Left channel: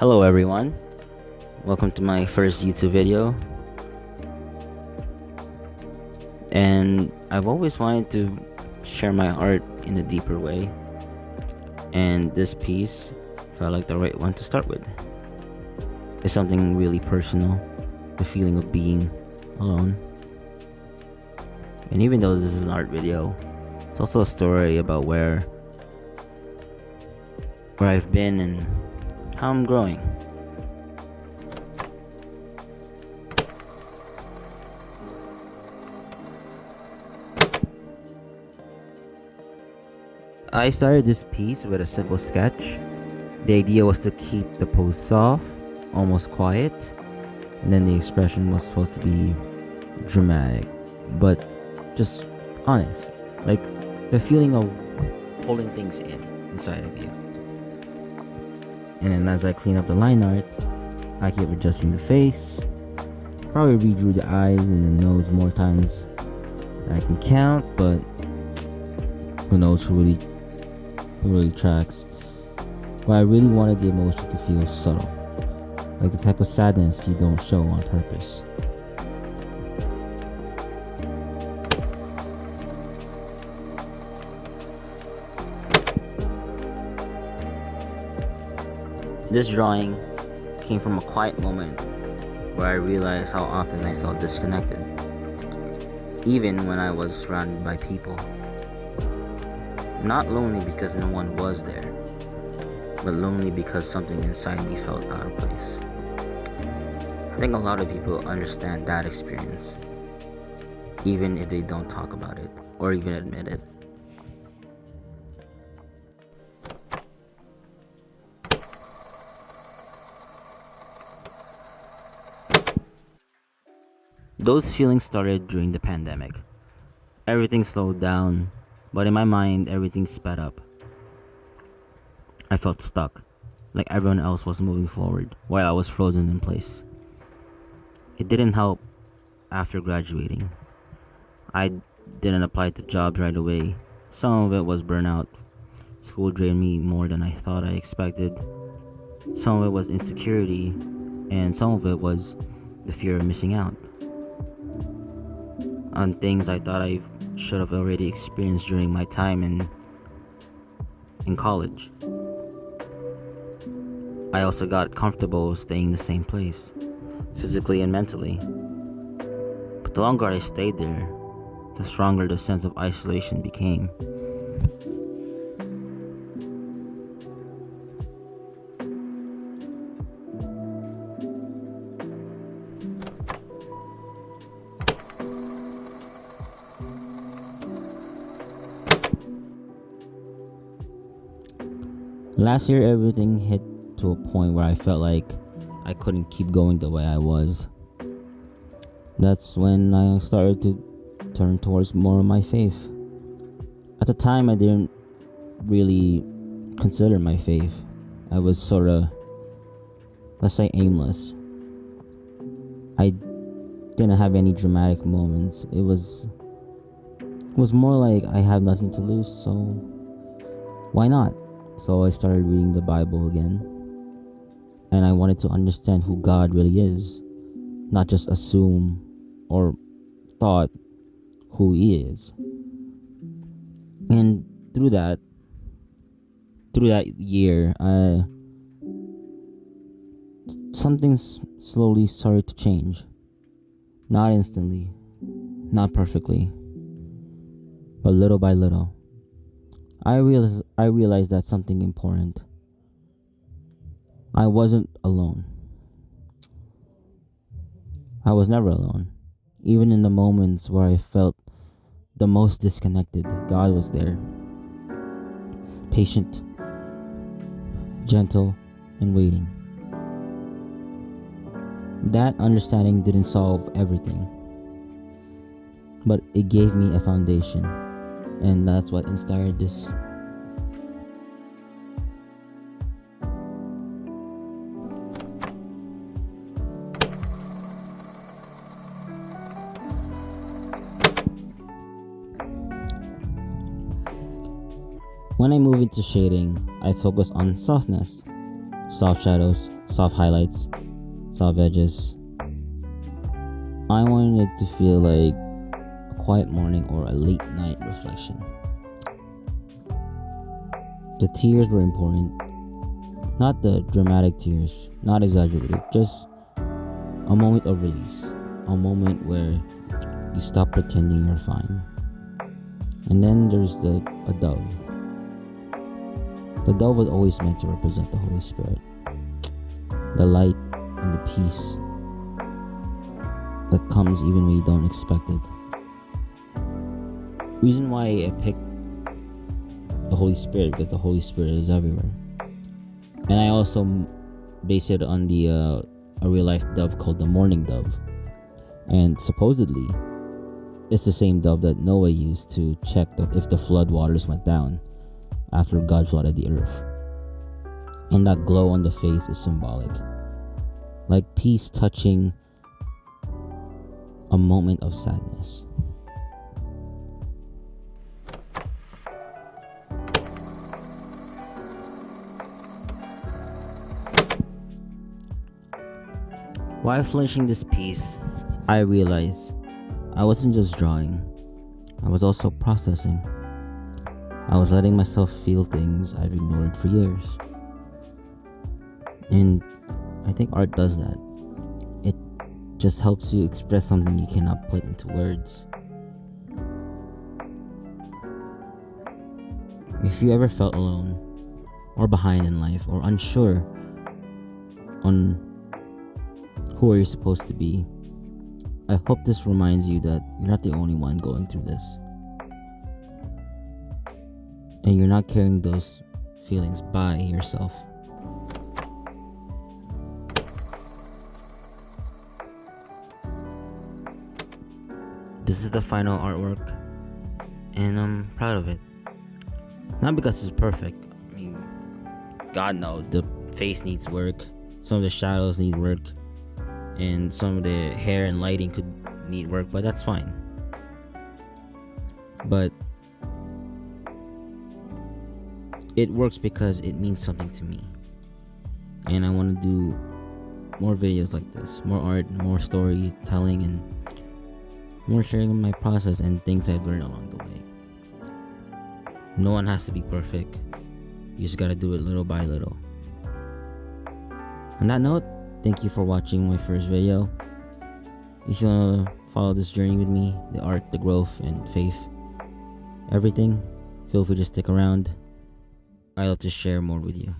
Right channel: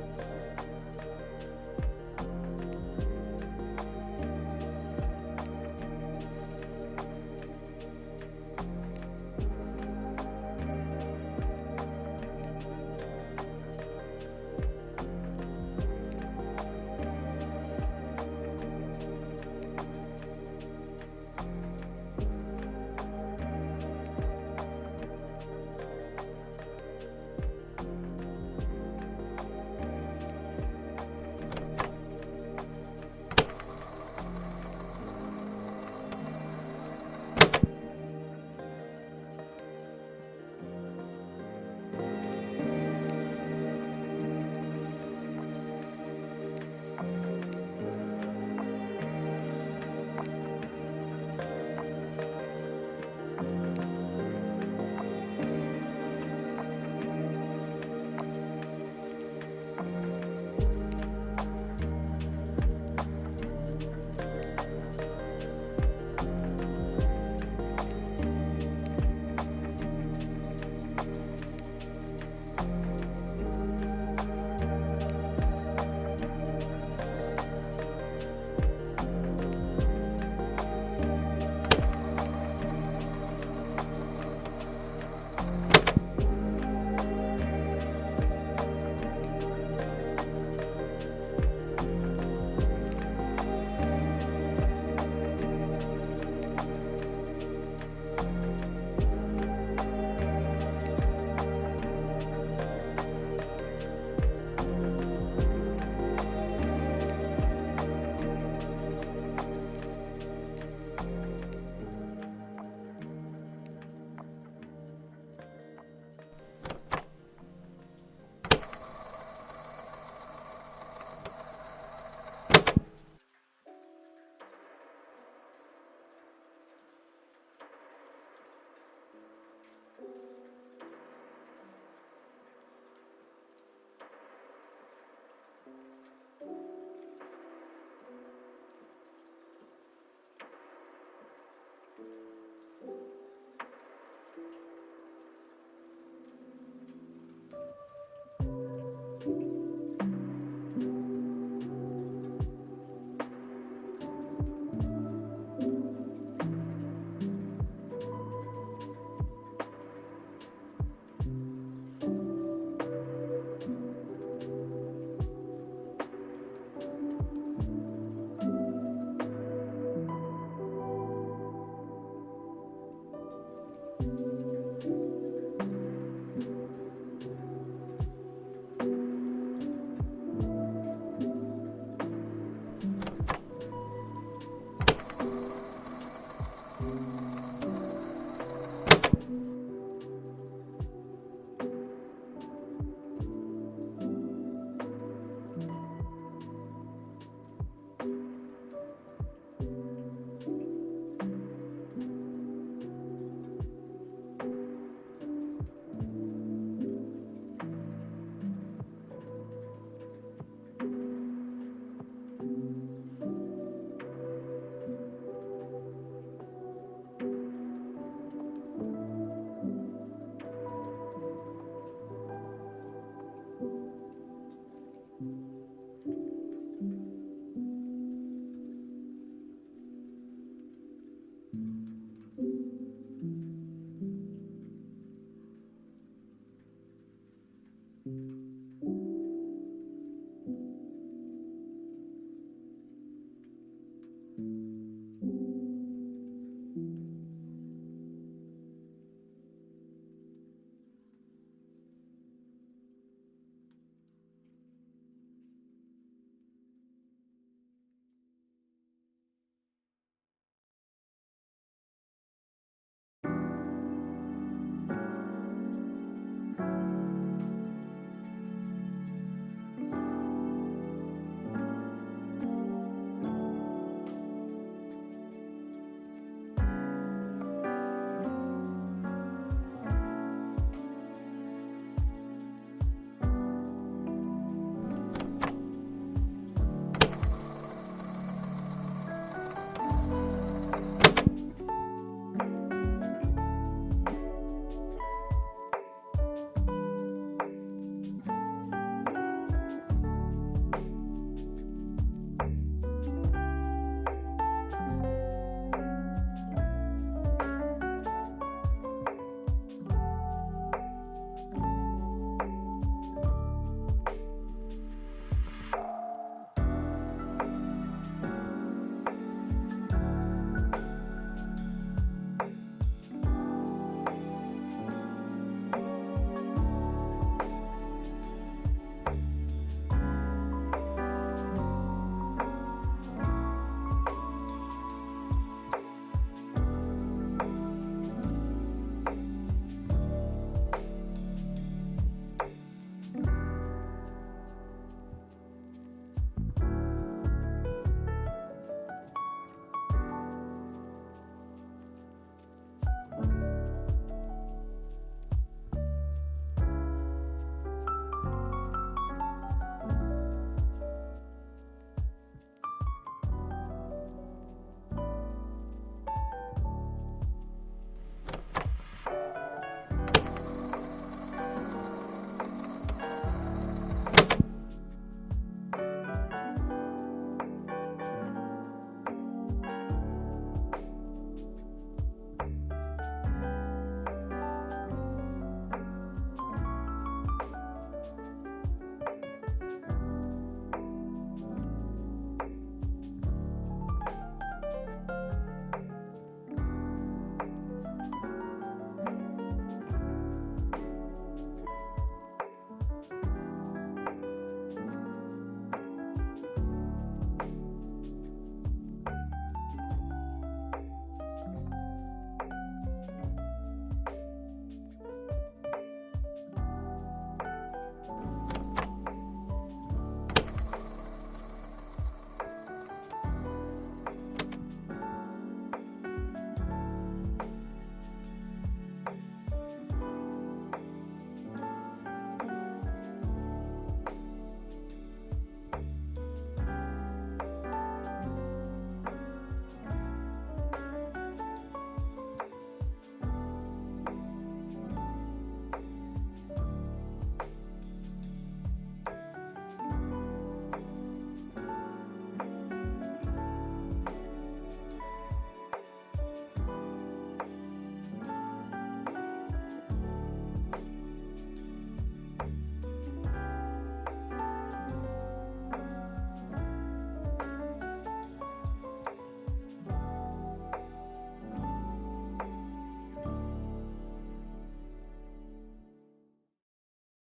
Hello everyone, welcome to my first YouTube video. And I've always wanted to share my art in a deeper way, and this piece felt like the right one to start with. It's something really personal, the feeling of being alone. And even though this is an art video, it's also a story about where I've been and how I'm growing. I started this piece with a simple sketch. The idea was to keep the pose soft, almost quiet, and then the expression was supposed to be dramatic, but just honest. Like the feeling of holding things inside of you. And then as I clean up the line art, I keep adjusting the face. Probably redrew the eyes and the nose more times than I can count, but who knows who really tracks. But I really wanted the emotion to feel subtle, like the type of sadness you don't show on purpose. This drawing came from a quiet moment where I realized how often I felt disconnected, even when I was surrounded by people. Not lonely because no one was there, but lonely because something inside me felt out of place. I think a lot of people understand that experience, even if they don't talk about it or even admit it. Those feelings started during the pandemic. Everything slowed down, but in my mind, everything sped up. I felt stuck, like everyone else was moving forward while I was frozen in place. It didn't help after graduating. I didn't apply to jobs right away. Some of it was burnout. School drained me more than I thought I expected. Some of it was insecurity, and some of it was the fear of missing out on things I thought I should have already experienced during my time in college. I also got comfortable staying in the same place, physically and mentally. But the longer I stayed there, the stronger the sense of isolation became. Last year, everything hit to a point where I felt like I couldn't keep going the way I was. That's when I started to turn towards more of my faith. At the time, I didn't really consider my faith. I was sort of, let's say, aimless. I didn't have any dramatic moments. It was more like I have nothing to lose, so why not? So I started reading the Bible again, and I wanted to understand who God really is, not just assume or thought who He is. And through that year, something slowly started to change. Not instantly, not perfectly, but little by little. I realized that something important. I wasn't alone. I was never alone. Even in the moments where I felt the most disconnected, God was there. Patient, gentle, and waiting. That understanding didn't solve everything, but it gave me a foundation, and that's what inspired this. When I move into shading, I focus on softness, soft shadows, soft highlights, soft edges. I wanted it to feel like a quiet morning or a late night reflection. The tears were important, not the dramatic tears, not exaggerated, just a moment of release, a moment where you stop pretending you're fine. And then there's a dove. The dove was always meant to represent the Holy Spirit, the light and the peace that comes even when you don't expect it. Reason why I picked the Holy Spirit, because the Holy Spirit is everywhere. And I also base it on a real life dove called the mourning dove. And supposedly, it's the same dove that Noah used to check if the flood waters went down after God flooded the earth. And that glow on the face is symbolic, like peace touching a moment of sadness. While finishing this piece, I realized I wasn't just drawing, I was also processing. I was letting myself feel things I've ignored for years. And I think art does that. It just helps you express something you cannot put into words. If you ever felt alone, or behind in life, or unsure on who are you supposed to be, I hope this reminds you that you're not the only one going through this. And you're not carrying those feelings by yourself. This is the final artwork, and I'm proud of it. Not because it's perfect. I mean, God knows the face needs work, some of the shadows need work, and some of the hair and lighting could need work, but that's fine. But it works because it means something to me, and I want to do more videos like this, more art, more storytelling, and more sharing my process and things I've learned along the way. No one has to be perfect. You just gotta do it little by little. On that note, thank you for watching my first video. If you wanna follow this journey with me, the art, the growth, and faith, everything, feel free to stick around. I love to share more with you.